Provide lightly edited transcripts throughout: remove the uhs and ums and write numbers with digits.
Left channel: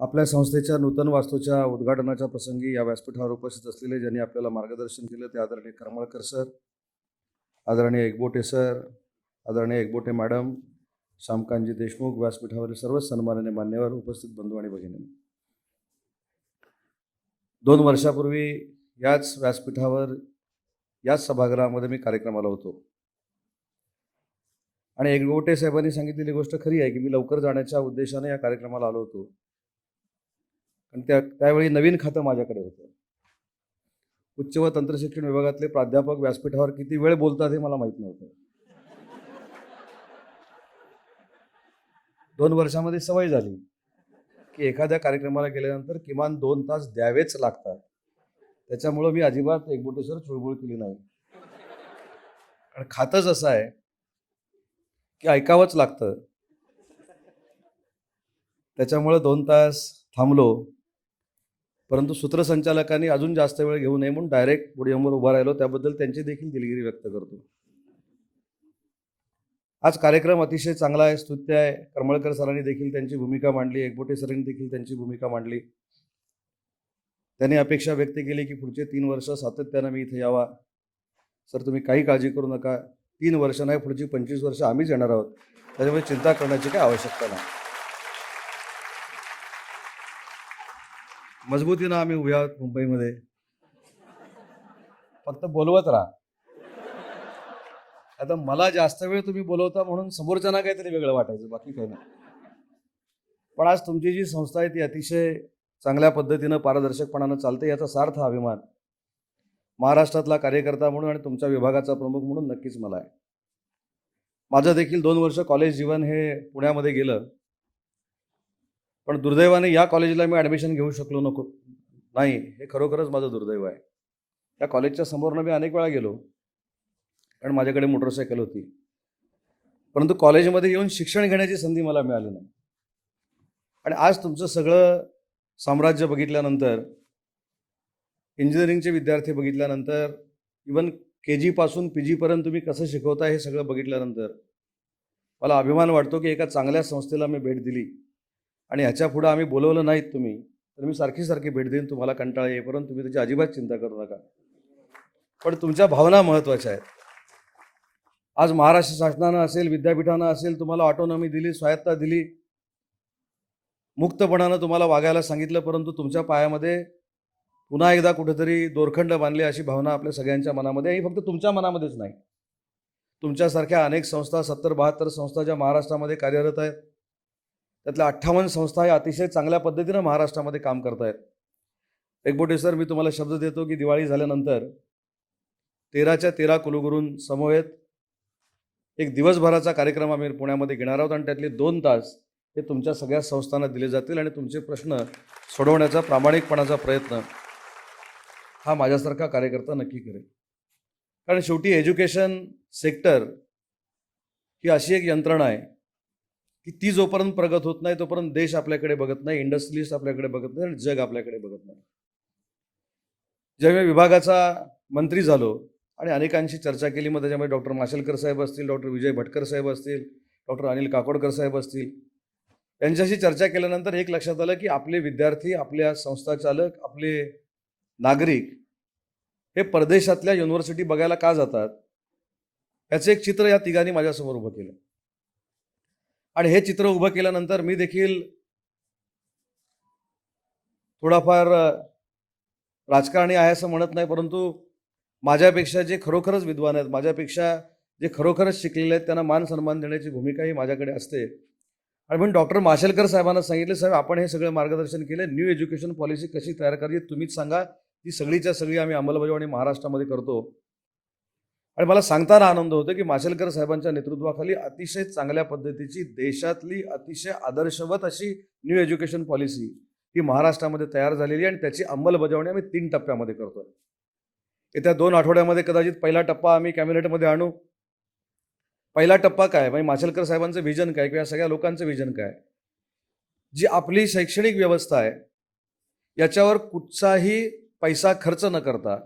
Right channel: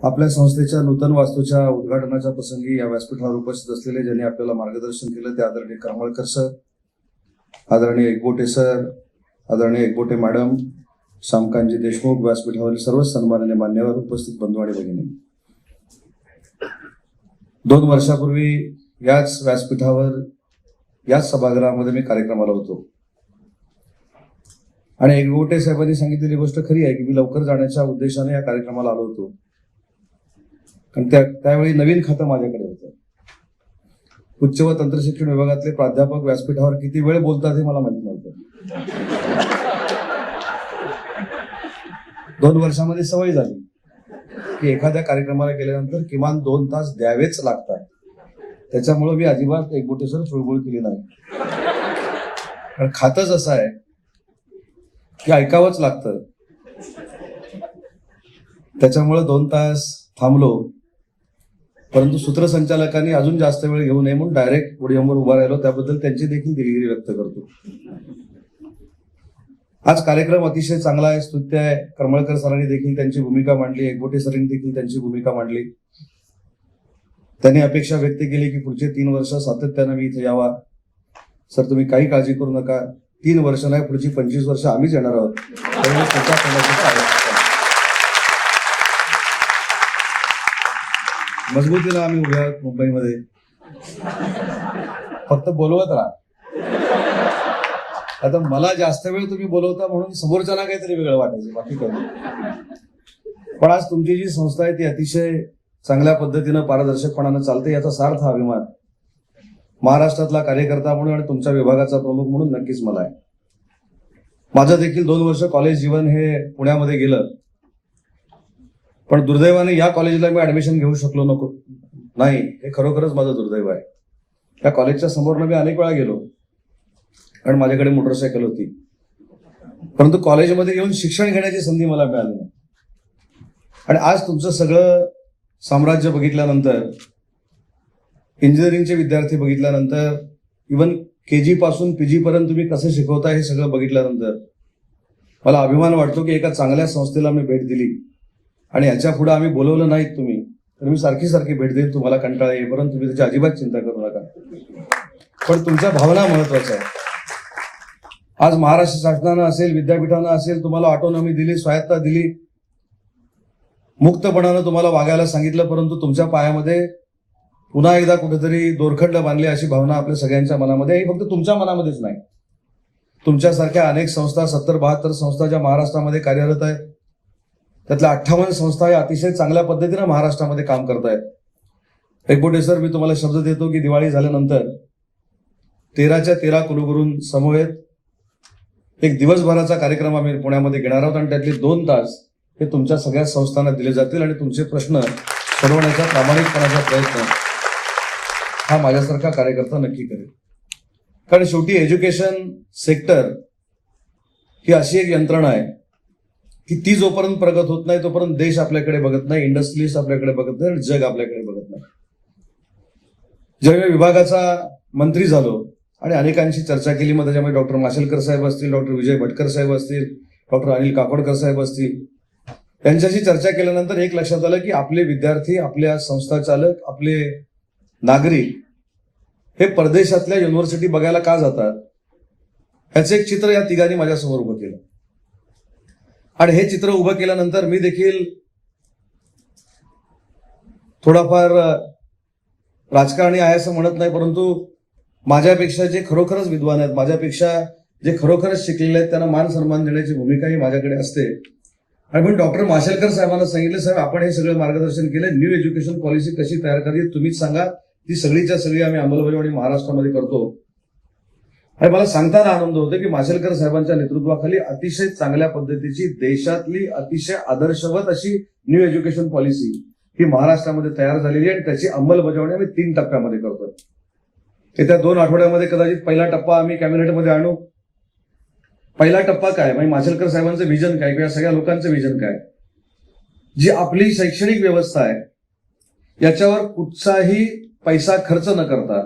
आपल्या संस्थेच्या नूतन वास्तूच्या उद्घाटनाच्या प्रसंगी या व्यासपीठावर उपस्थित असलेले ज्यांनी आपल्याला मार्गदर्शन केलं ते आदरणीय कमळकर सर, आदरणीय एकबोटे सर, आदरणीय एकबोटे मॅडम, शामकांजी देशमुख, व्यासपीठावरील सर्व सन्माननीय मान्यवर, उपस्थित बंधू आणि भगिनी. 2 वर्षापूर्वी याच व्यासपीठावर याच सभागृहामध्ये मी कार्यक्रमाला होतो आणि एकबोटे साहेबांनी सांगितलेली गोष्ट खरी आहे की मी लवकर जाण्याच्या उद्देशाने या कार्यक्रमाला आलो होतो. कारण त्यावेळी नवीन खातं माझ्याकडे होतं. उच्च व तंत्रशिक्षण विभागाचे प्राध्यापक व्यासपीठावर किती वेळ बोलतात हे मला माहिती नव्हतं. 2 वर्षामध्ये सवय झाली की एखाद्या कार्यक्रमाला गेल्यानंतर किमान 2 तास द्यावेच लागतात. त्याच्यामुळे मी अजिबात एकबोटेसर चुळबुळ केली नाही. कारण खातच असं आहे की ऐकावंच लागतं. त्याच्यामुळे 2 तास थांबलो, परंतु सूत्रसंचालकांनी अजून जास्त वेळ घेऊ नये म्हणून डायरेक्ट पुढेवर उभा राहिलो. त्याबद्दल त्यांची देखील दिलगिरी व्यक्त करतो. आज कार्यक्रम अतिशय चांगला आहे, स्तुत्य आहे. कमळकर सरांनी देखील त्यांची भूमिका मांडली, एकबोटे सरांनी देखील त्यांची भूमिका मांडली. त्यांनी अपेक्षा व्यक्त केली की पुढचे 3 वर्ष सातत्यानं मी इथे यावा. सर, तुम्ही काही काळजी करू नका, 3 वर्ष नाही, पुढची 25 वर्ष आम्हीच येणार आहोत. मजबूतीला आम्ही उभ्या आहोत मुंबईमध्ये. फक्त बोलवत राहा. आता मला जास्त वेळ तुम्ही बोलवता म्हणून समोरच्याला काहीतरी वेळ वाटायचं, बाकी करू. पण आज तुमची जी संस्था आहे ती अतिशय चांगल्या पद्धतीनं पारदर्शकपणानं चालते, याचा सार्थ अभिमान महाराष्ट्रातला कार्यकर्ता म्हणून आणि तुमच्या विभागाचा प्रमुख म्हणून नक्कीच मला आहे. माझं देखील 2 वर्ष कॉलेज जीवन हे पुण्यामध्ये गेलं, पण दुर्दैवाने या कॉलेजला मी ऍडमिशन घेऊ शकलो नाही. हे खरोखरच माझं दुर्दैव आहे. त्या कॉलेजच्या समोर मी अनेक वेळा गेलो कारण माझ्याकडे मोटरसायकल होती, परंतु कॉलेजमध्ये येऊन शिक्षण घेण्याची संधी मला मिळाली नाही. आणि आज तुमचं सगळं साम्राज्य बघितल्यानंतर, इंजिनिअरिंगचे विद्यार्थी बघितल्यानंतर, इव्हन KG पासून PG पर्यंत तुम्ही कसं शिकवता हे सगळं बघितल्यानंतर मला अभिमान वाटतो की एका चांगल्या संस्थेला मी भेट दिली. आणि याच्या पुढे आम्ही बोलवलं नाही तुम्ही सारखी सारखी भेट देत तुम्हाला कंटाळा येईल, परंतु तुम्ही त्याची अजिबात चिंता करू नका. पण तुमच्या भावना महत्वाच्या आहे. आज महाराष्ट्र शासनानं असेल, विद्यापीठानं असेल, तुम्हाला ऑटोनॉमी दिली, स्वायत्ता दिली, मुक्तपणानं तुम्हाला वागायला सांगितलं, परंतु तुमच्या पायामध्ये पुन्हा एकदा कुठेतरी दोरखंड बांधले अशी भावना आपल्या सगळ्यांच्या मनामध्ये आहे. फक्त तुमच्या मनामध्येच नाही, तुमच्यासारख्या अनेक संस्था, 70-72 संस्था ज्या महाराष्ट्रामध्ये कार्यरत आहेत, त्यातल्या 58 संस्था अतिशय चांगल्या पद्धतीने महाराष्ट्रामध्ये काम करत आहेत. एकबोटे सर, मी तुम्हाला शब्द देतो की दिवाळी झाल्यानंतर 13च्या 13 कुलगुरूं समवेत एक दिवसभराचा कार्यक्रम आम्ही पुण्यामध्ये घेणार आहोत आणि त्यातले 2 तास हे तुमच्या सगळ्या संस्थांना दिले जातील आणि तुमचे प्रश्न सोडवण्याचा प्रामाणिकपणाचा प्रयत्न हा माझ्यासारखा कार्यकर्ता नक्की करेल. कारण शेवटी एज्युकेशन सेक्टर ही अशी एक यंत्रणा आहे की ती जोपर्यंत प्रगत होत नाही तोपर्यंत देश आपल्याकडे बघत नाही, इंडस्ट्रीज आपल्याकडे बघत नाही आणि जग आपल्याकडे बघत नाही. ज्यावेळी विभागाचा मंत्री झालो आणि अनेकांशी चर्चा केली, मध्ये डॉक्टर माशेलकर साहेब असतील, डॉक्टर विजय भटकर साहेब असतील, डॉक्टर अनिल काकोडकर साहेब असतील, यांच्याशी चर्चा केल्यानंतर एक लक्षात आलं की आपले विद्यार्थी, आपल्या संस्था चालक, आपले नागरिक हे परदेशातल्या युनिव्हर्सिटी बघायला का जातात, याचे एक चित्र या ठिकाणी माझ्यासमोर उभं केलं. आणि हे चित्र उभं केल्यानंतर मी देखील थोडाफार राजकारणी आहे असं म्हणत नाही, परंतु माझ्यापेक्षा जे खरोखरच विद्वान आहेत, माझ्यापेक्षा जे खरोखरच शिकलेले आहेत, त्यांना मान सन्मान देण्याची भूमिकाही माझ्याकडे असते. आणि मी डॉक्टर माशेलकर साहेबांना सांगितलं, सर, आपण हे सगळं मार्गदर्शन केलं, न्यू एज्युकेशन पॉलिसी कशी तयार करावी तुम्ही सांगा, ती सगळीच्या सगळी आम्ही अंमलबजावणी महाराष्ट्रामध्ये करतो. आणि मला सांगताना आनंद होतो की माशेलकर साहेबांच्या नेतृत्वाखाली अतिशय चांगल्या पद्धतीची देशातली अतिशय आदर्शवत अशी न्यू एज्युकेशन पॉलिसी ही महाराष्ट्रामध्ये तयार झालेली आहे आणि त्याची अंमलबजावणी आम्ही 3 टप्प्यामध्ये करतो. येत्या 2 आठवड्यामध्ये कदाचित पहिला टप्पा आम्ही कॅबिनेटमध्ये आणू. पहिला टप्पा काय, म्हणजे माशेलकर साहेबांचं विजन काय, किंवा सगळ्या लोकांचं विजन काय, जी आपली शैक्षणिक व्यवस्था आहे याच्यावर कुठचाही पैसा खर्च न करता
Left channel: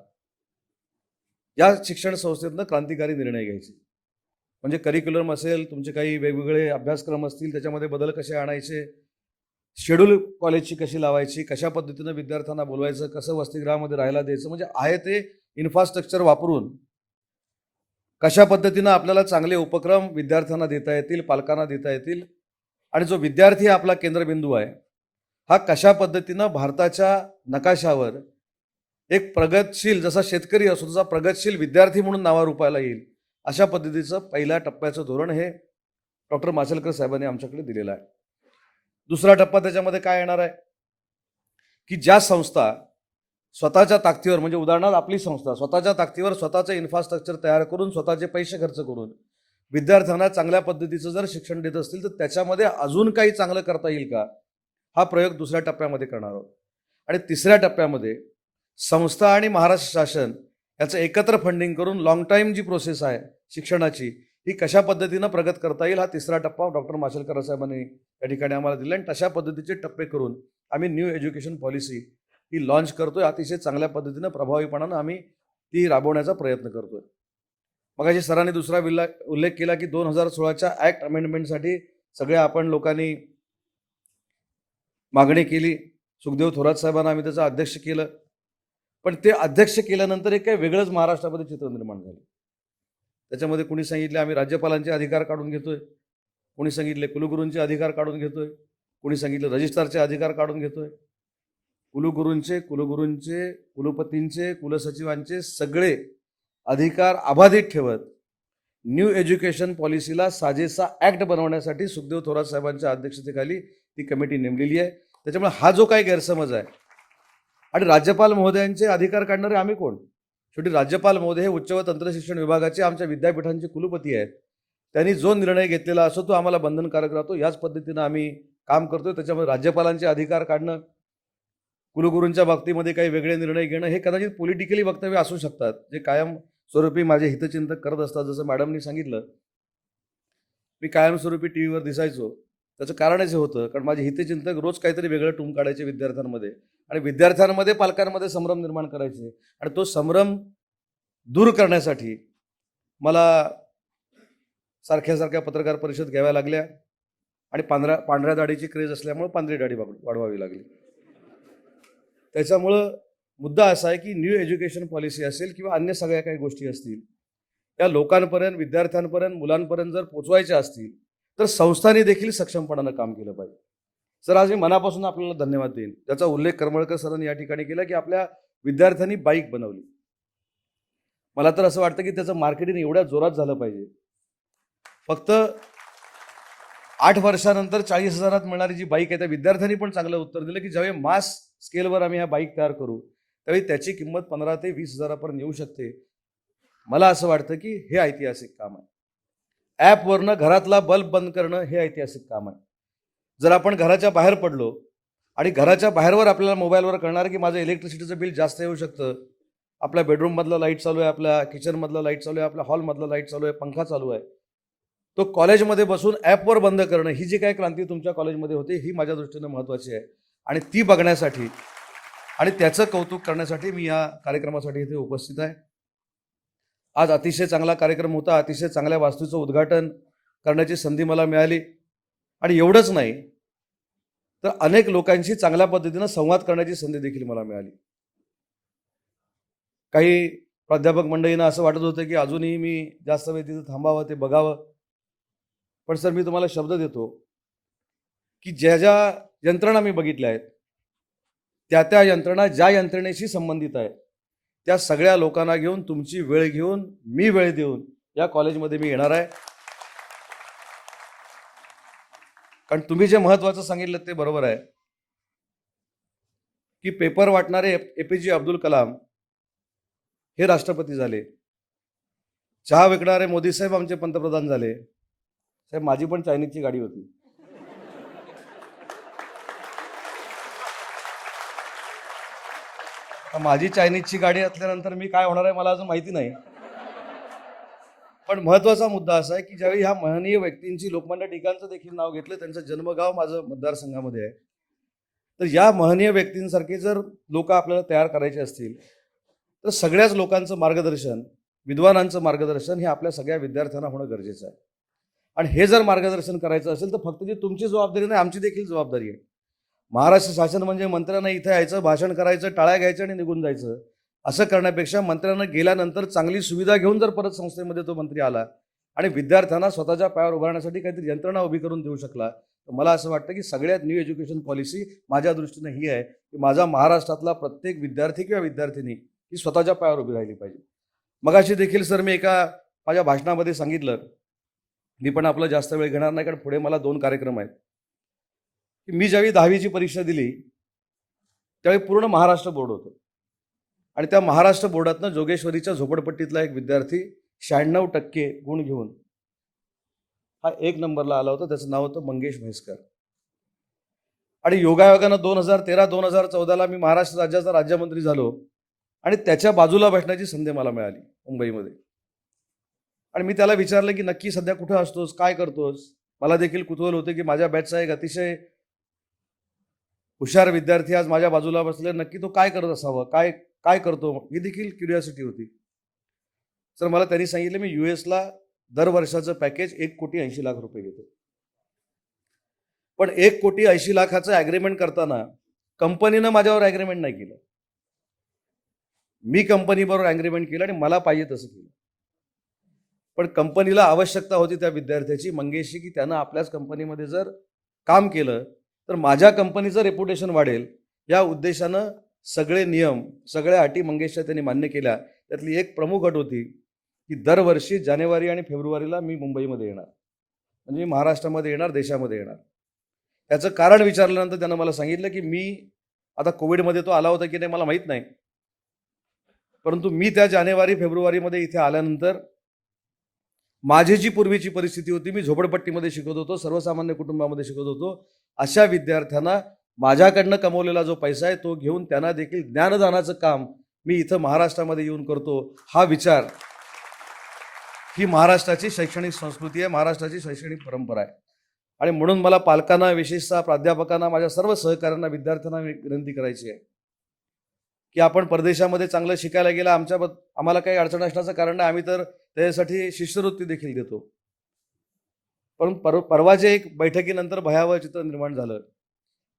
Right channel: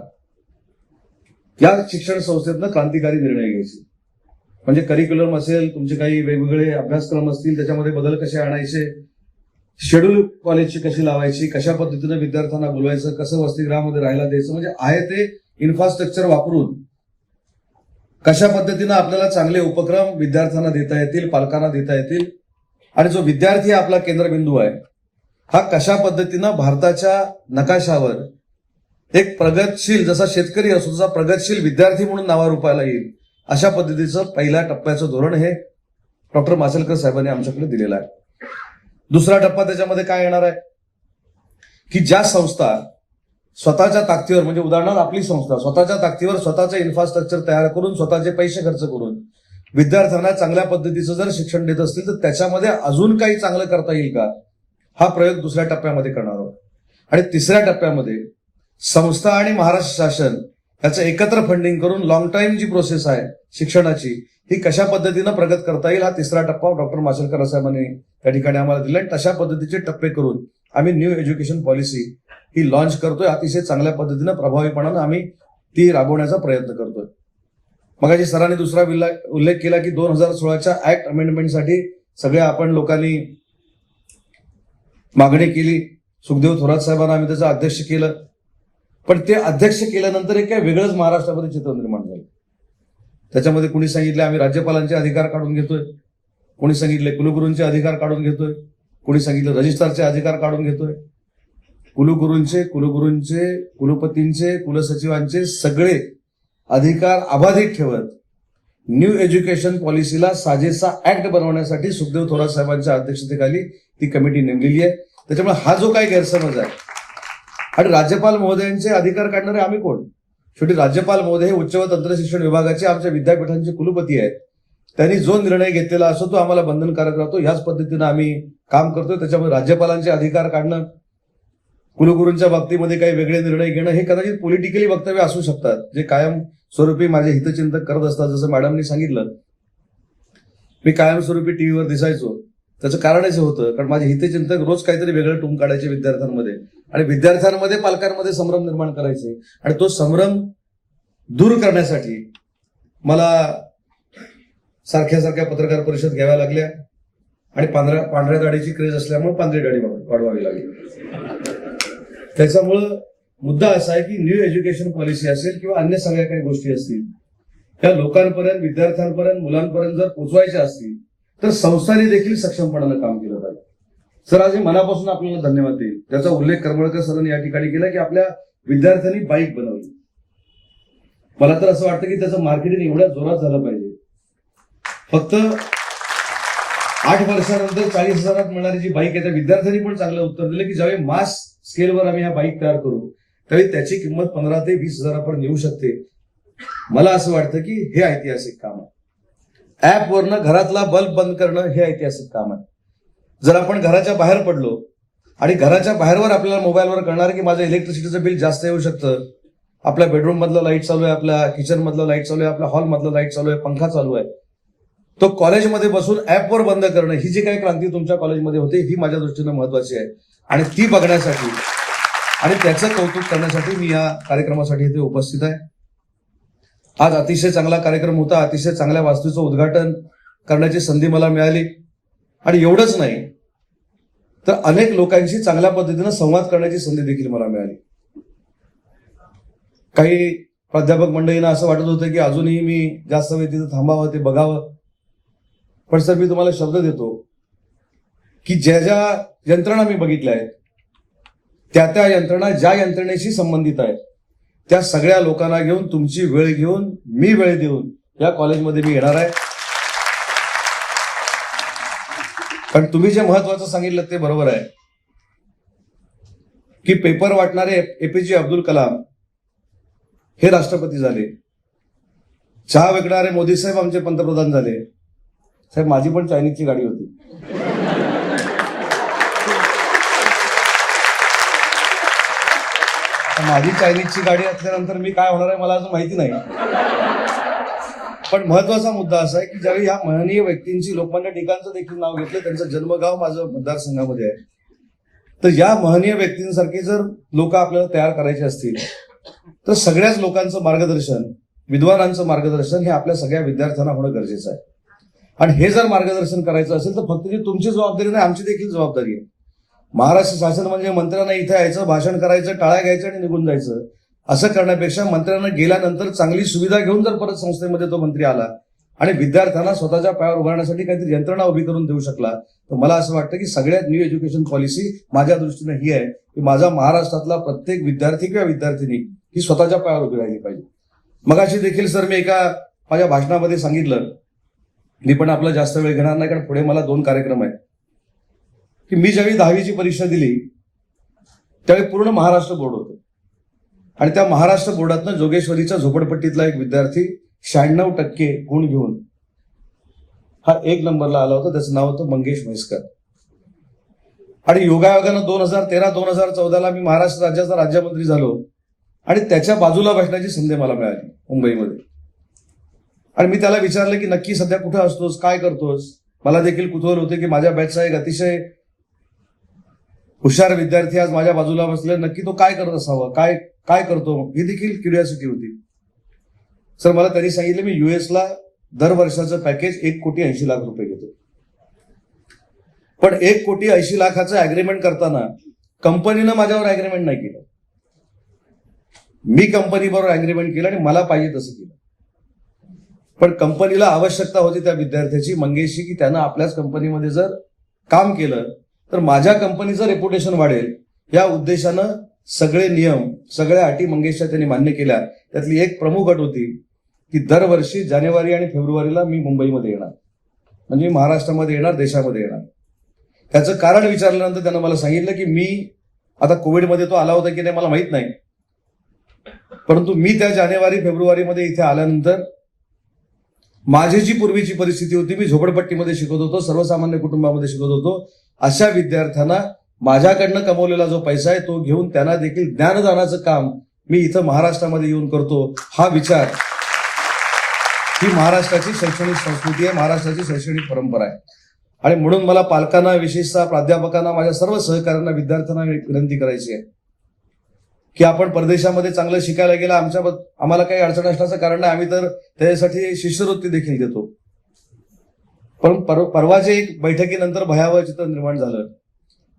या शिक्षण संस्थेतनं क्रांतिकारी निर्णय घ्यायचे. म्हणजे करिक्युलम असेल, तुमचे काही वेगवेगळे अभ्यासक्रम असतील, त्याच्यामध्ये बदल कसे आणायचे, शेड्यूल कॉलेजची कशी लावायची, कशा पद्धतीने विद्यार्थ्यांना बोलवायचं, कसं वसतिगृहामध्ये राहायला द्यायचं, म्हणजे आहे ते इन्फ्रास्ट्रक्चर वापरून कशा पद्धतीने आपल्याला चांगले उपक्रम विद्यार्थ्यांना देता येतील, पालकांना देता येतील, आणि जो विद्यार्थी आपला केंद्रबिंदू आहे हा कशा पद्धतीनं भारताच्या नकाशावर एक प्रगतशील, जसा शेतकरी असो तसा प्रगतशील विद्यार्थी म्हणून नावारूपाला येईल, अशा पद्धतीचं पहिल्या टप्प्याचं धोरण हे डॉक्टर माशेलकर साहेबांनी आमच्याकडे दिलेलं आहे. दुसरा टप्पा त्याच्यामध्ये काय येणार आहे की ज्या संस्था स्वतःच्या ताकदीवर, म्हणजे उदाहरणार्थ आपली संस्था स्वतःच्या ताकदीवर स्वतःचे इन्फ्रास्ट्रक्चर तयार करून स्वतःचे पैसे खर्च करून विद्यार्थ्यांना चांगल्या पद्धतीचं जर शिक्षण देत असतील तर त्याच्यामध्ये अजून काही चांगलं करता येईल का, हा प्रयोग दुसऱ्या टप्प्यामध्ये करणार आहोत. आणि तिसऱ्या टप्प्यामध्ये संस्था आणि महाराष्ट्र शासन याचं एकत्र फंडिंग करून लॉंग टाइम जी प्रोसेस आहे शिक्षणाची ही कशा पद्धतीनं प्रगत करता येईल, हा तिसरा टप्पा डॉक्टर माशेलकर साहेबांनी या ठिकाणी आम्हाला दिले. तशा पद्धतीचे टप्पे करून आम्ही न्यू एज्युकेशन पॉलिसी ही लॉन्च करतोय. अतिशय चांगल्या पद्धतीनं प्रभावीपणानं आम्ही ती राबवण्याचा प्रयत्न करतोय. मगाशी सरांनी दुसरा उल्लेख केला की 2016च्या ऍक्ट अमेंडमेंटसाठी सगळ्या आपण लोकांनी मागणी केली. सुखदेव थोरात साहेबांना आम्ही त्याचं अध्यक्ष केलं, पण ते अध्यक्ष केल्यानंतर एक वेगळंच महाराष्ट्रामध्ये चित्र निर्माण झालं. त्याच्यामध्ये कोणी सांगितलं आम्ही राज्यपालांचे अधिकार काढून घेतोय, कोणी सांगितले कुलगुरूंचे अधिकार काढून घेतोय, कोणी सांगितलं रजिस्ट्रारचे अधिकार काढून घेतोय. कुलगुरूंचे, कुलपतींचे, कुलसचिवांचे सगळे अधिकार अबाधित ठेवत न्यू एज्युकेशन पॉलिसीला साजेसा ऍक्ट बनवण्यासाठी सुखदेव थोरात साहेबांच्या अध्यक्षतेखाली ही कमिटी नेमलेली आहे. त्याच्यामुळे हा जो काही गैरसमज आहे, आणि राज्यपाल महोदयांचे अधिकार काढणारे आम्ही कोण, शेवटी राज्यपाल महोदय उच्च व तंत्र शिक्षण विभागाचे आमच्या विद्यापीठांचे कुलपती आहेत. त्यांनी जो निर्णय घेतलेला असतो तो आम्हाला बंधनकारक राहतो. याच पद्धतीनं आम्ही काम करतो. त्याच्यामध्ये राज्यपालांचे अधिकार काढणं, कुलगुरूंच्या बाबतीमध्ये काही वेगळे निर्णय घेणं हे कदाचित पॉलिटिकली वक्तव्य असू शकतात, जे कायम स्वरूपी माझे हितचिंतक करत असतात. जसं मॅडमनी सांगितलं, मी कायमस्वरूपी टीव्हीवर दिसायचो. त्याचं कारणच होतं कारण माझे हितचिंतक रोज काहीतरी वेगळं टूम काढायचे विद्यार्थ्यांमध्ये, आणि विद्यार्थ्यांमध्ये पालकांमध्ये संभ्रम निर्माण करायचे. आणि तो संभ्रम दूर करण्यासाठी मला सारख्या पत्रकार परिषद घ्याव्या लागल्या, आणि पांढऱ्या गाडीची क्रेज असल्यामुळे पांढरी गाडी वाढवावी लागली. त्याच्यामुळं मुद्दा असा आहे की न्यू एज्युकेशन पॉलिसी असेल किंवा अन्य सगळ्या काही गोष्टी असतील त्या लोकांपर्यंत, विद्यार्थ्यांपर्यंत, मुलांपर्यंत जर पोहोचवायच्या असतील तर संस्थांनी देखील सक्षमपणानं काम केलं पाहिजे. सर आज मनापासून आपल्याला धन्यवाद देईल. त्याचा उल्लेख करमळकर सरांनी या ठिकाणी केला की आपल्या विद्यार्थ्यांनी बाईक बनवली. मला तर असं वाटतं की त्याचं मार्केटिंग एवढ्या जोरात झालं पाहिजे. फक्त 8 वर्षानंतर 40,000 मिळणारी जी बाईक आहे त्या विद्यार्थ्यांनी पण चांगलं उत्तर दिले की ज्यावेळी मास स्केलवर आम्ही या बाईक तयार करू त्यावेळी त्याची किंमत 15 ते 20,000 पर्यंत येऊ शकते. मला असं वाटतं की हे ऐतिहासिक काम आहे. ऍप वरनं घरातला बल्ब बंद करणं हे ऐतिहासिक काम आहे. जर आपण घराच्या बाहेर पडलो आणि घराच्या बाहेरवर आपल्याला मोबाईलवर कळणार की माझं इलेक्ट्रिसिटीचं बिल जास्त येऊ शकतं, आपल्या बेडरूम मधलं लाईट चालू आहे, आपल्या किचन मधलं लाईट चालू आहे, आपल्या हॉल मधलं लाईट चालू आहे, पंखा चालू आहे, तो कॉलेजमध्ये बसून ऍपवर बंद करणं ही जी काही क्रांती तुमच्या कॉलेजमध्ये होते ही माझ्या दृष्टीने महत्वाची आहे. आणि ती बघण्यासाठी आणि त्याचं कौतुक करण्यासाठी मी या कार्यक्रमासाठी इथे उपस्थित आहे. आज अतिशय चांगला कार्यक्रम होता. अतिशय चांगल्या वास्तूचं उद्घाटन करण्याची संधी मला मिळाली. आणि एवढंच नाही तर अनेक लोकांशी चांगल्या पद्धतीनं संवाद करण्याची संधी देखील मला मिळाली. काही प्राध्यापक मंडळींना असं वाटत होतं की अजूनही मी जास्त वेळ तिथं थांबावं, ते बघावं. पण सर मी तुम्हाला शब्द देतो की ज्या ज्या यंत्रणा मी बघितल्या आहेत त्या यंत्रणा ज्या यंत्रणेशी संबंधित आहेत त्या सगळ्या लोकांना घेऊन, तुमची वेळ घेऊन, मी वेळ देऊन या कॉलेजमध्ये मी येणार आहे. कारण तुम्ही जे महत्वाचं सांगितलं ते बरोबर आहे की पेपर वाटणारे एपीजे अब्दुल कलाम हे राष्ट्रपती झाले, चहा विकणारे मोदी साहेब आमचे पंतप्रधान झाले. साहेब माझी पण चायनीजची गाडी होती. माझी चायनीजची गाडी असल्यानंतर मी काय होणार आहे मला असं माहिती नाही. पण महत्वाचा मुद्दा असा आहे की ज्यावेळी या माननीय व्यक्तींची लोकमान्य टिळकांचं देखील नाव घेतलं, त्यांचं जन्मगाव माझं मतदारसंघामध्ये आहे, तर या महनीय व्यक्तींसारखे जर लोक आपल्याला तयार करायचे असतील तर सगळ्याच लोकांचं मार्गदर्शन, विद्वानांचं मार्गदर्शन हे आपल्या सगळ्या विद्यार्थ्यांना होणं गरजेचं आहे. आणि हे जर मार्गदर्शन करायचं असेल तर फक्त तुमची जबाबदारी नाही, आमची देखील जबाबदारी आहे. महाराष्ट्र शासन म्हणजे मंत्र्यांना इथे यायचं, भाषण करायचं, टाळ्या घ्यायचं आणि निघून जायचं. असं करण्यापेक्षा मंत्र्यांना गेल्यानंतर चांगली सुविधा घेऊन जर परत संस्थेमध्ये तो मंत्री आला आणि विद्यार्थ्यांना स्वतःच्या पायावर उभारण्यासाठी काहीतरी यंत्रणा उभी करून देऊ शकला, तर मला असं वाटतं की सगळ्यात न्यू एज्युकेशन पॉलिसी माझ्या दृष्टीने ही आहे की माझा महाराष्ट्रातला प्रत्येक विद्यार्थी किंवा विद्यार्थिनी ही स्वतःच्या पायावर उभी राहिली पाहिजे. मगाशी देखील सर मी एका माझ्या भाषणामध्ये सांगितलं, मी पण आपला जास्त वेळ घेणार नाही कारण पुढे मला 2 कार्यक्रम आहेत, की मी ज्यावेळी 10वीची परीक्षा दिली त्यावेळी पूर्ण महाराष्ट्र बोर्ड होतं आणि त्या महाराष्ट्र बोर्डातनं जोगेश्वरीच्या झोपडपट्टीतला एक विद्यार्थी 96% गुण घेऊन हा 1 नंबरला आला होता. त्याचं नाव होतं मंगेश म्हैसकर. आणि योगायोगानं 2013-2014ला मी महाराष्ट्र राज्याचा राज्यमंत्री झालो आणि त्याच्या बाजूला बसण्याची संधी मला मिळाली मुंबईमध्ये. आणि मी त्याला विचारलं की नक्की सध्या कुठे असतोस, काय करतोस. मला देखील कुतूहल होते की माझ्या बॅचचा एक अतिशय हुशार विद्यार्थी आज माझ्या बाजूला बसले, नक्की तो काय करत असावं, काय करतो, ही देखील क्युरिओसिटी होती. सर मला त्यांनी सांगितलं मी युएसला दर वर्षाचं पॅकेज 1,80,00,000 घेतो. पण 1,80,00,000 अग्रीमेंट करताना कंपनीनं माझ्यावर अग्रीमेंट नाही केलं, मी कंपनीबरोबर अग्रीमेंट केलं आणि मला पाहिजे तसं केलं. पण कंपनीला आवश्यकता होती त्या विद्यार्थ्याची, मंगेशची, की त्यानं आपल्याच कंपनीमध्ये जर काम केलं तर माझ्या कंपनीचं रेप्युटेशन वाढेल. या उद्देशानं सगळे नियम, सगळ्या अटी मंगेशच्या त्यांनी मान्य केल्या. त्यातली एक प्रमुख अट होती की दरवर्षी जानेवारी आणि फेब्रुवारीला मी मुंबईमध्ये येणार, म्हणजे महाराष्ट्रामध्ये येणार, देशामध्ये येणार. त्याचं कारण विचारल्यानंतर त्यानं मला सांगितलं की मी आता कोविडमध्ये तो आला होता की नाही मला माहित नाही, परंतु मी त्या जानेवारी फेब्रुवारीमध्ये इथे आल्यानंतर माझी जी पूर्वीची परिस्थिती होती, मी झोपडपट्टीमध्ये शिकत होतो, सर्वसामान्य कुटुंबामध्ये शिकत होतो, अशा विद्यार्थ्यांना माझ्याकडनं कमवलेला जो पैसा आहे तो घेऊन त्यांना देखील ज्ञानदानाचं काम मी इथं महाराष्ट्रामध्ये येऊन करतो. हा विचार ही महाराष्ट्राची शैक्षणिक संस्कृती आहे, महाराष्ट्राची शैक्षणिक परंपरा आहे. आणि म्हणून मला पालकांना, विशेषतः प्राध्यापकांना, माझ्या सर्व सहकाऱ्यांना, विद्यार्थ्यांना विनंती करायची आहे की आपण परदेशामध्ये चांगलं शिकायला गेलं, आम्हाला काही अडचण असण्याचं कारण आहे, आम्ही तर त्याच्यासाठी शिष्यवृत्ती देखील देतो. पण परवाच्या एक बैठकीनंतर भयावह चित्र निर्माण झालं.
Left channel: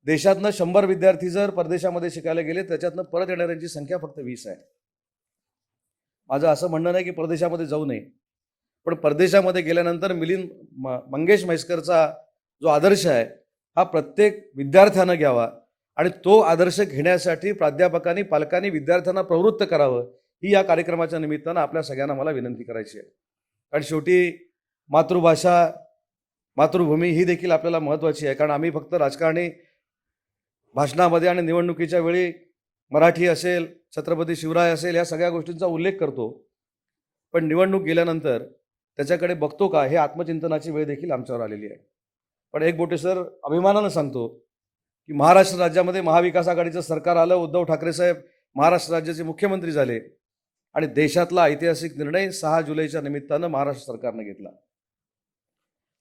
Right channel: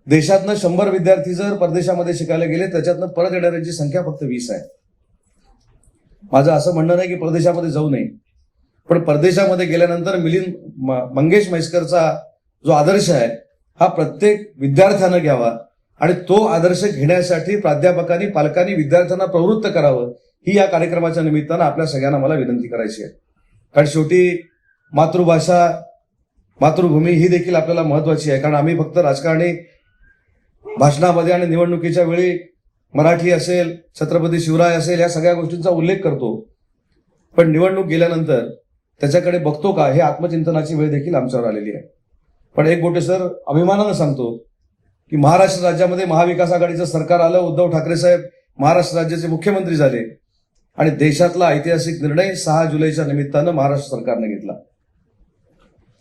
देशातनं 100 विद्यार्थी जर परदेशामध्ये शिकायला गेले त्याच्यातनं परत येणाऱ्यांची संख्या फक्त 20 आहे. माझं असं म्हणणं नाही की परदेशामध्ये जाऊ नये, पण परदेशामध्ये गेल्यानंतर मंगेश म्हैसकरचा जो आदर्श आहे हा प्रत्येक विद्यार्थ्यानं घ्यावा आणि तो आदर्श घेण्यासाठी प्राध्यापकांनी, पालकांनी विद्यार्थ्यांना प्रवृत्त करावं, ही या कार्यक्रमाच्या निमित्तानं आपल्या सगळ्यांना मला विनंती करायची आहे. कारण शेवटी मातृभाषा, मातृभूमी ही देखील आपल्याला महत्वाची आहे. कारण आम्ही फक्त राजकारणी भाषणामध्ये आणि निवडणुकीच्या वेळी मराठी असेल, छत्रपती शिवराय असेल, या सगळ्या गोष्टींचा उल्लेख करतो, पण निवडणूक गेल्यानंतर त्याच्याकडे बघतो का, हे आत्मचिंतनाची वेळ देखील आमच्यावर आलेली आहे. पण एक गोष्ट सर अभिमानानं सांगतो की महाराष्ट्र राज्यामध्ये महाविकास आघाडीचं सरकार आलं, उद्धव ठाकरे साहेब महाराष्ट्र राज्याचे मुख्यमंत्री झाले आणि देशातला ऐतिहासिक निर्णय 6 जुलैच्या निमित्तानं महाराष्ट्र सरकारने घेतला.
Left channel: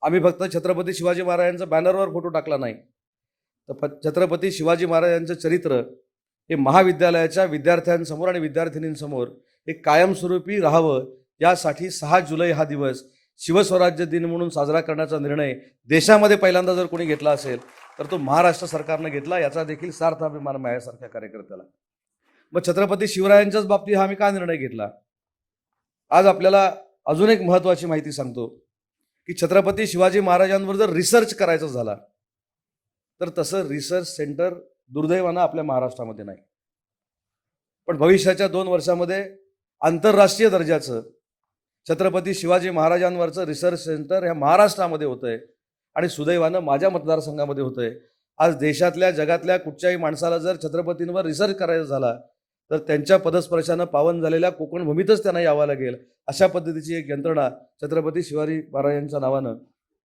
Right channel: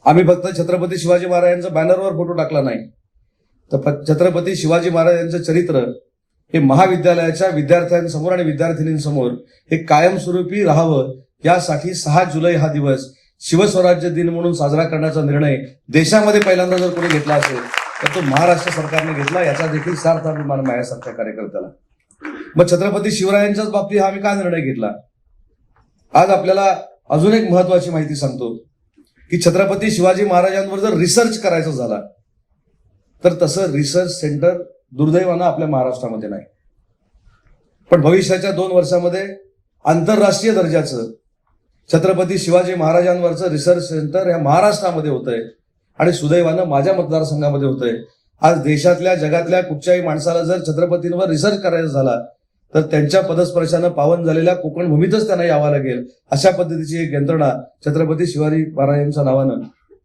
आम्ही फक्त छत्रपती शिवाजी महाराजांचा बॅनरवर फोटो टाकला नाही, तर छत्रपती शिवाजी महाराजांचं चरित्र हे महाविद्यालयाच्या विद्यार्थ्यांसमोर आणि विद्यार्थिनींसमोर हे कायमस्वरूपी राहावं, यासाठी 6 जुलै हा दिवस शिवस्वराज्य दिन म्हणून साजरा करण्याचा निर्णय देशामध्ये पहिल्यांदा जर कोणी घेतला असेल तर तो महाराष्ट्र सरकारने घेतला. याचा देखील सार्थ अभिमान माझ्यासारख्या कार्यकर्त्याला. मग छत्रपती शिवरायांच्याच बाबतीत हा आम्ही काय निर्णय घेतला. आज आपल्याला अजून एक महत्वाची माहिती सांगतो की छत्रपती शिवाजी महाराजांवर जर रिसर्च करायचा झाला तर तसं रिसर्च सेंटर दुर्दैवानं आपल्या महाराष्ट्रामध्ये नाही. पण भविष्याच्या 2 वर्षामध्ये आंतरराष्ट्रीय दर्जाचं छत्रपती शिवाजी महाराजांवरचं रिसर्च सेंटर या महाराष्ट्रामध्ये होत आहे आणि सुदैवानं माझ्या मतदारसंघामध्ये होत आहे. आज देशातल्या, जगातल्या कुठच्याही माणसाला जर छत्रपतींवर रिसर्च करायचा झाला तर त्यांच्या पदस्पर्शानं पावन झालेल्या कोकण भूमीतच त्यांना यावं लागेल. अशा पद्धतीची एक यंत्रणा छत्रपती शिवाजी महाराजांच्या नावानं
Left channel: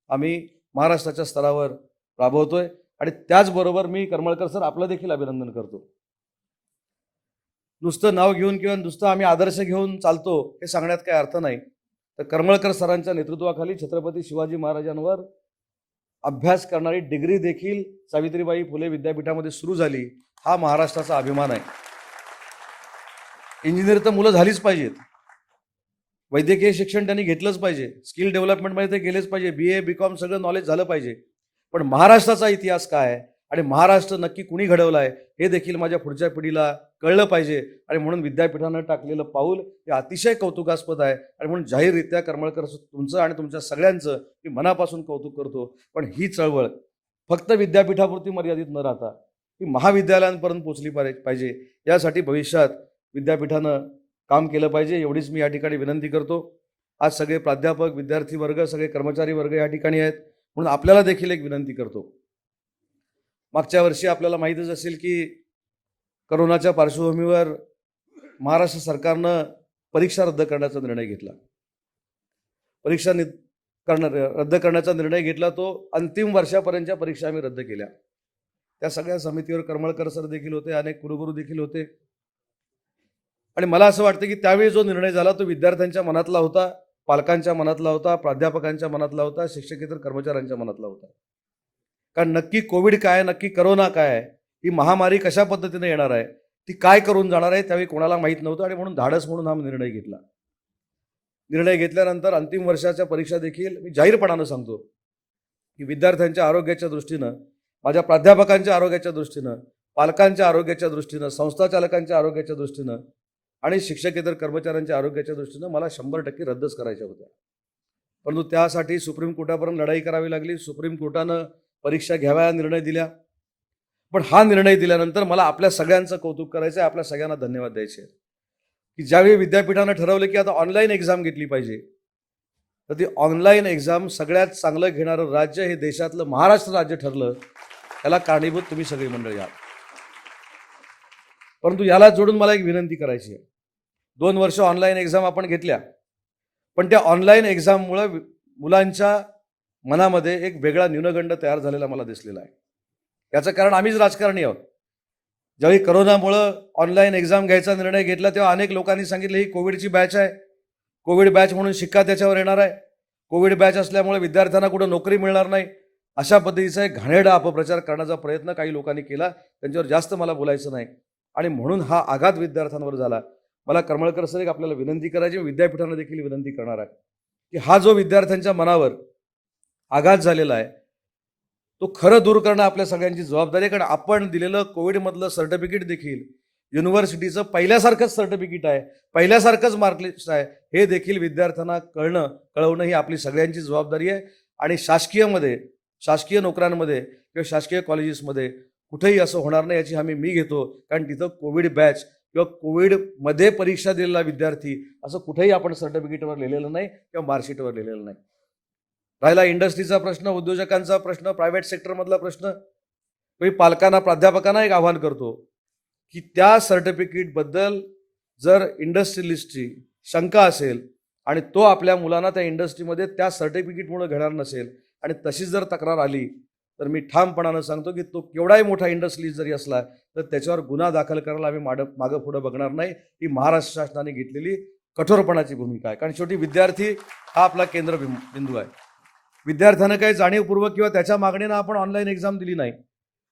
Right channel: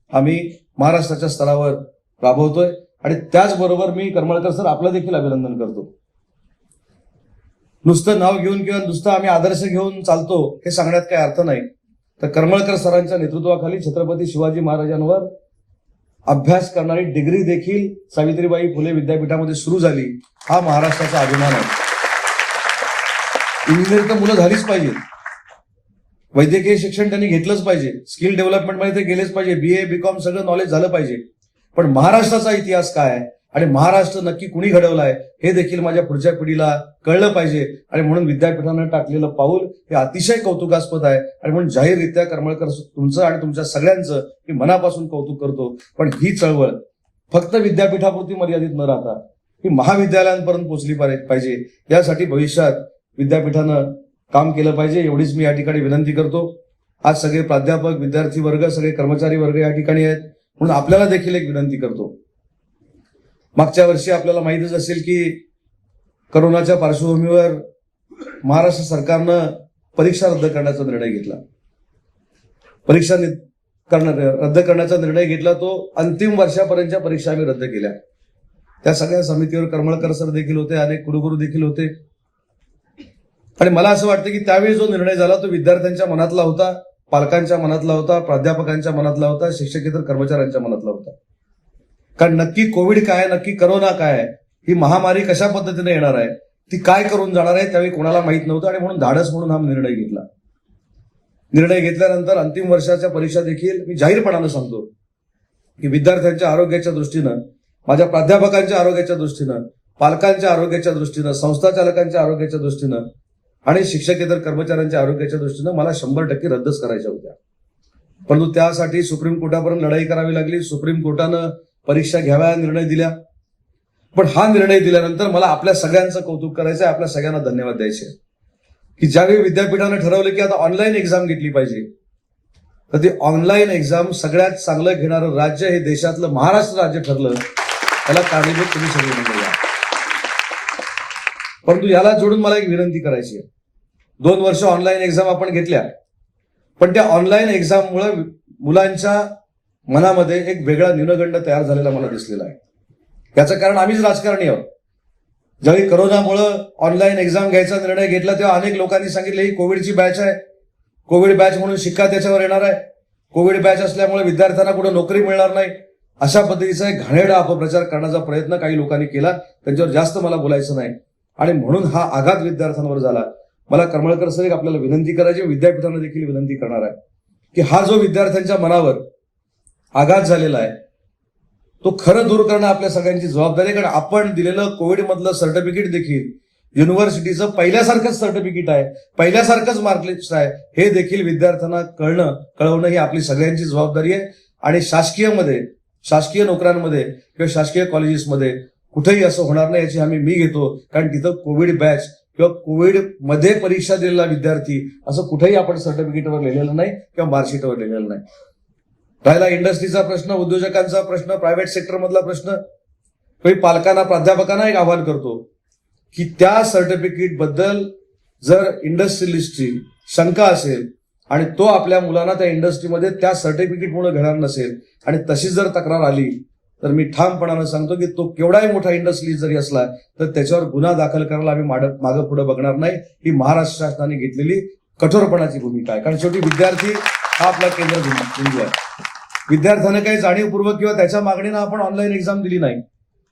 आम्ही महाराष्ट्राच्या स्तरावर राबवतोय. आणि त्याचबरोबर मी करमळकर सर आपलं देखील अभिनंदन करतो. नुसतं नाव घेऊन किंवा नुसतं आम्ही आदर्श घेऊन चालतो हे सांगण्यात काही अर्थ नाही. तर करमळकर सरांच्या नेतृत्वाखाली छत्रपती शिवाजी महाराजांवर अभ्यास करणारी डिग्री देखील सावित्रीबाई फुले विद्यापीठामध्ये सुरू झाली. हा महाराष्ट्राचा अभिमान आहे. इंजिनियर तर मुलं झालीच पाहिजे, वैद्यकीय शिक्षण त्यांनी घेतलंच पाहिजे, स्किल डेव्हलपमेंट मध्ये ते गेलेच पाहिजे, BA BCom सगळं नॉलेज झालं पाहिजे. पण महाराष्ट्राचा इतिहास काय आहे आणि महाराष्ट्र नक्की कुणी घडवला आहे हे देखील माझ्या पुढच्या पिढीला कळलं पाहिजे. आणि म्हणून विद्यापीठानं टाकलेलं पाऊल हे अतिशय कौतुकास्पद आहे. आणि म्हणून जाहीररित्या करमळकर तुमचं आणि तुमच्या सगळ्यांचं मी मनापासून कौतुक करतो. पण ही चळवळ फक्त विद्यापीठापुरती मर्यादित न राहता ही महाविद्यालयांपर्यंत पोहोचली पाहिजे. यासाठी भविष्यात विद्यापीठानं काम केलं पाहिजे एवढीच मी या ठिकाणी विनंती करतो. आज सगळे प्राध्यापक, विद्यार्थी वर्ग, सगळे कर्मचारी वर्ग या ठिकाणी आहेत, म्हणून आपल्याला देखील एक विनंती करतो. मागच्या वर्षी आपल्याला माहितच असेल की करोनाच्या पार्श्वभूमीवर महाराष्ट्र सरकारनं परीक्षा रद्द करण्याचा निर्णय घेतला. परीक्षा रद्द करण्याचा निर्णय घेतला तो अंतिम वर्षापर्यंतच्या परीक्षा आम्ही रद्द केल्या. त्या सगळ्या समितीवर करमळकर सर देखील होते, अनेक कुलगुरू देखील होते. आणि मला असं वाटतं की त्यावेळी जो निर्णय झाला तो विद्यार्थ्यांच्या मनातला होता, पालकांच्या मनातला होता, प्राध्यापकांच्या मनातला होता, शिक्षकेतर कर्मचाऱ्यांच्या मनातला होता. कारण नक्की कोविड काय, नक्की करोना काय, ही महामारी कशा पद्धतीने येणार आहे, ती काय करून जाणार आहे, त्यावेळी कोणाला माहित नव्हतं. आणि म्हणून धाडस म्हणून हा निर्णय घेतला. निर्णय घेतल्यानंतर अंतिम वर्षाच्या परीक्षा देखील मी जाहीरपणानं सांगतो की विद्यार्थ्यांच्या आरोग्याच्या दृष्टीनं, माझ्या प्राध्यापकांच्या आरोग्याच्या दृष्टीनं, पालकांच्या आरोग्याच्या दृष्टीनं, संस्था चालकांच्या आरोग्याच्या दृष्टीनं आणि शिक्षकेतर कर्मचाऱ्यांच्या आरोग्याच्या दृष्टीनं मला 100% रद्दच करायच्या होत्या. परंतु त्यासाठी सुप्रीम कोर्टापर्यंत लढाई करावी लागली. सुप्रीम कोर्टानं परीक्षा घ्यायला निर्णय दिला. पण हा निर्णय दिल्यानंतर मला आपल्या सगळ्यांचं कौतुक करायचं, आपल्या सगळ्यांना धन्यवाद द्यायचे की ज्यावेळी विद्यापीठाने ठरवलं की आता ऑनलाईन एक्झाम घेतली पाहिजे, तर ती ऑनलाईन एक्झाम सगळ्यात चांगलं घेणारं राज्य हे देशातलं महाराष्ट्र राज्य ठरलं. त्याला कारणीभूत तुम्ही सगळे म्हणूया. परंतु याला जोडून मला एक विनंती करायची आहे. 2 वर्ष ऑनलाईन एक्झाम आपण घेतल्या, पण त्या ऑनलाईन एक्झाममुळे मुलांच्या मनामध्ये एक वेगळा दिनगंड तयार झालेला मला दिसलेला आहे. याचं कारण आम्हीच राजकारणी आहोत. ज्यावेळी करोनामुळं ऑनलाईन एक्झाम घ्यायचा निर्णय घेतला तेव्हा अनेक लोकांनी सांगितले ही कोविडची बॅच आहे, कोविड बॅच म्हणून शिक्का त्याच्यावर येणार आहे, कोविड बॅच असल्यामुळे विद्यार्थ्यांना पुढे नोकरी मिळणार नाही, अशा पद्धतीचा एक घाणेरडा अपप्रचार करण्याचा प्रयत्न काही लोकांनी केला. त्याच्यावर जास्त मला बोलायचं नाही. आणि म्हणून हा आघात विद्यार्थ्यांवर झाला. मला करमळकर साहेब आपल्याला विनंती करायची, विद्यापीठाला देखील विनंती करणार आहे की हा जो विद्यार्थ्यांच्या मनावर आघात झालेला आहे तो खरं दूर करणं आपल्या सगळ्यांची जबाबदारी आहे. कारण आपण दिलेलं कोविड मधलं सर्टिफिकेट देखील युनिव्हर्सिटीचं पहिल्यासारखंच सर्टिफिकेट आहे, पहिल्यासारखंच मार्कलिस्ट आहे, हे देखील विद्यार्थ्यांना कळवणं ही आपली सगळ्यांची जबाबदारी आहे. आणि शासकीय नोकऱ्यांमध्ये किंवा शासकीय कॉलेजेसमध्ये कुठेही असं होणार नाही याची मी घेतो. कारण तिथं कोविड बॅच किंवा कोविड मध्ये परीक्षा दिलेला विद्यार्थी असं कुठेही आपण सर्टिफिकेटवर लिहिलेलं नाही किंवा मार्कशीटवर लिहिलेलं नाही. राहिला इंडस्ट्रीचा प्रश्न, उद्योजकांचा प्रश्न, प्रायव्हेट सेक्टर मधला प्रश्न, मी पालकांना, प्राध्यापकांना एक आवाहन करतो की त्या सर्टिफिकेट बद्दल जर इंडस्ट्रियलिस्टची शंका असेल आणि तो आपल्या मुलांना त्या इंडस्ट्रीमध्ये त्या सर्टिफिकेट मुळे घेणार नसेल आणि तशी जर तक्रार आली तर मी ठामपणानं सांगतो की तो केवढाही मोठा इंडस्ट्री जरी असला तर त्याच्यावर गुन्हा दाखल करायला आम्ही मागं पुढे बघणार नाही. ही महाराष्ट्र शासनाने घेतलेली कठोरपणाची भूमिका आहे. कारण शेवटी विद्यार्थी हा आपला केंद्रबिंदू आहे. विद्यार्थ्याने काही जाणीवपूर्वक किंवा त्याच्या मागणीनं आपण ऑनलाईन एक्झाम दिली नाही,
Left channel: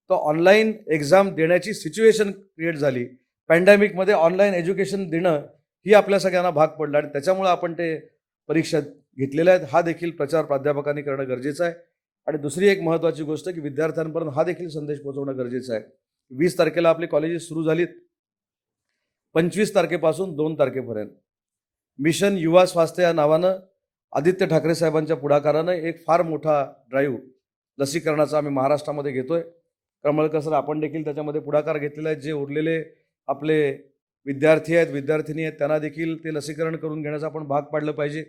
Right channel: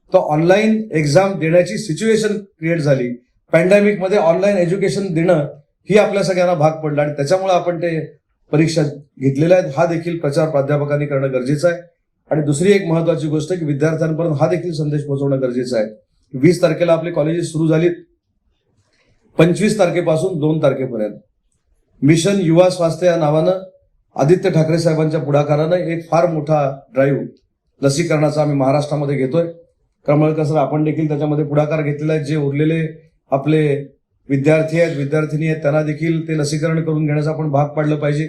तर ऑनलाईन एक्झाम देण्याची सिच्युएशन क्रिएट झाली. पॅन्डेमिक मध्ये ऑनलाईन एज्युकेशन देणं ही आपल्या सगळ्यांना भाग पडला आणि त्याच्यामुळे आपण ते परीक्षा घेतलेल्या आहेत. हा देखील प्रचार प्राध्यापकांनी करणं गरजेचं आहे. आणि दुसरी एक महत्वाची गोष्ट आहे की विद्यार्थ्यांपर्यंत हा देखील संदेश पोहोचवणं गरजेचं आहे. 20 तारखेला आपली कॉलेजेस सुरू झाली. 25 तारखेपासून 2 तारखेपर्यंत मिशन युवा स्वास्थ्य या नावानं आदित्य ठाकरे साहेबांच्या पुढाकाराने एक फार मोठा ड्राईव्ह लसीकरणाचा आम्ही महाराष्ट्रामध्ये घेतोय. त्यामुळे कसं आपण देखील त्याच्यामध्ये पुढाकार घेतलेला आहे. जे उरलेले आपले विद्यार्थी आहेत, विद्यार्थिनी आहेत, त्यांना देखील ते लसीकरण करून घेण्याचा आपण भाग पाडलं पाहिजे.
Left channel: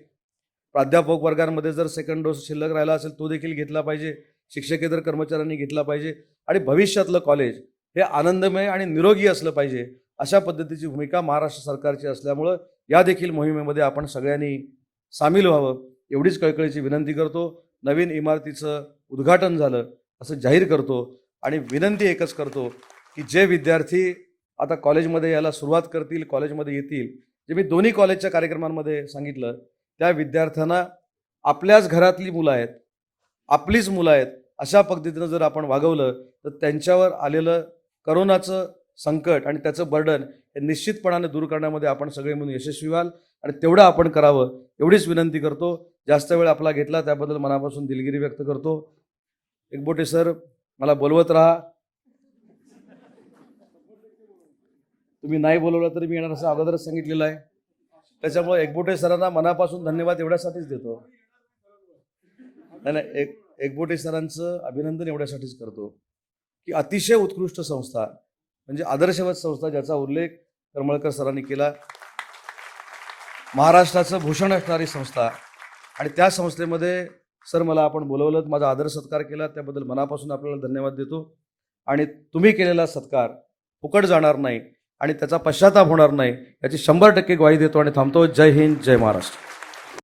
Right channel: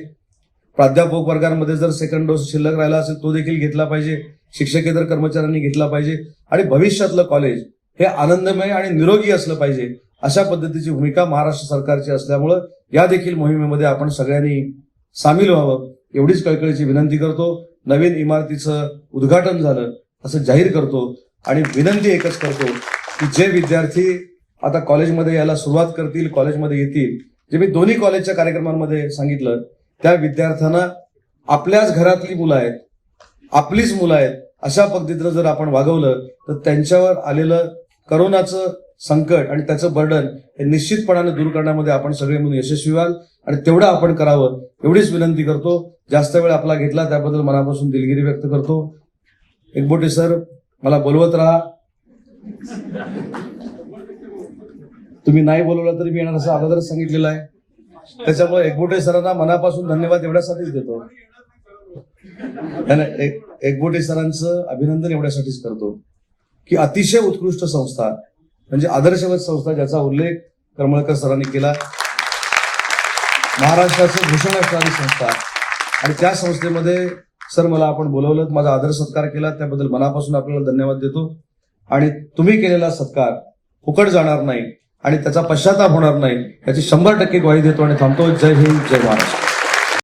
प्राध्यापक वर्गांमध्ये जर सेकंड डोस शिल्लक राहिला असेल तो देखील घेतला पाहिजे. शिक्षकेतर कर्मचाऱ्यांनी घेतला पाहिजे. आणि भविष्यातलं कॉलेज हे आनंदमय आणि निरोगी असलं पाहिजे अशा पद्धतीची भूमिका महाराष्ट्र सरकारची असल्यामुळं या देखील मोहिमेमध्ये आपण सगळ्यांनी सामील व्हावं एवढीच कळकळीची विनंती करतो. नवीन इमारतीचं उद्घाटन झालं असं जाहीर करतो आणि विनंती एकच करतो की जे विद्यार्थी आता कॉलेजमध्ये यायला सुरुवात करतील, कॉलेजमध्ये येतील, जे मी दोन्ही कॉलेजच्या कार्यक्रमांमध्ये सांगितलं, त्या विद्यार्थ्यांना आपल्याच घरातली मुलं आहेत, आपलीच मुलं आहेत अशा पद्धतीनं जर आपण वागवलं तर त्यांच्यावर आलेलं करोनाचं संकट आणि त्याचं बर्डन हे निश्चितपणाने दूर करण्यामध्ये आपण सगळे मिळून यशस्वी व्हाल. आणि तेवढं आपण करावं एवढीच विनंती करतो. जास्त वेळ आपला घेतला त्याबद्दल मनापासून दिलगिरी व्यक्त करतो. एकबोटे सर मला बोलवत राहा, तुम्ही नाही बोलवलं तरी मी येणार असं अगोदर सांगितलेलं आहे. त्याच्यामुळे एकबोटे सरांना मनापासून धन्यवाद एवढ्यासाठीच देतो. एकबोटे सरांचं अभिनंदन एवढ्यासाठीच करतो की अतिशय उत्कृष्ट संस्था म्हणजे आदर्शवत संस्था ज्याचा उल्लेख कमळकर सरांनी केला, महाराष्ट्राचं भूषण असणारी संस्था, आणि त्या संस्थेमध्ये सर मला आपण बोलवलं, माझा आदर सत्कार केला, त्याबद्दल मनापासून आपल्याला धन्यवाद देतो. आणि तुम्ही केलेला सत्कार फुकट जाणार नाही आणि त्याचा पश्चाताप होणार नाही याची 100% ग्वाही देतो आणि थांबतो. जय हिंद, जय महाराष्ट्र.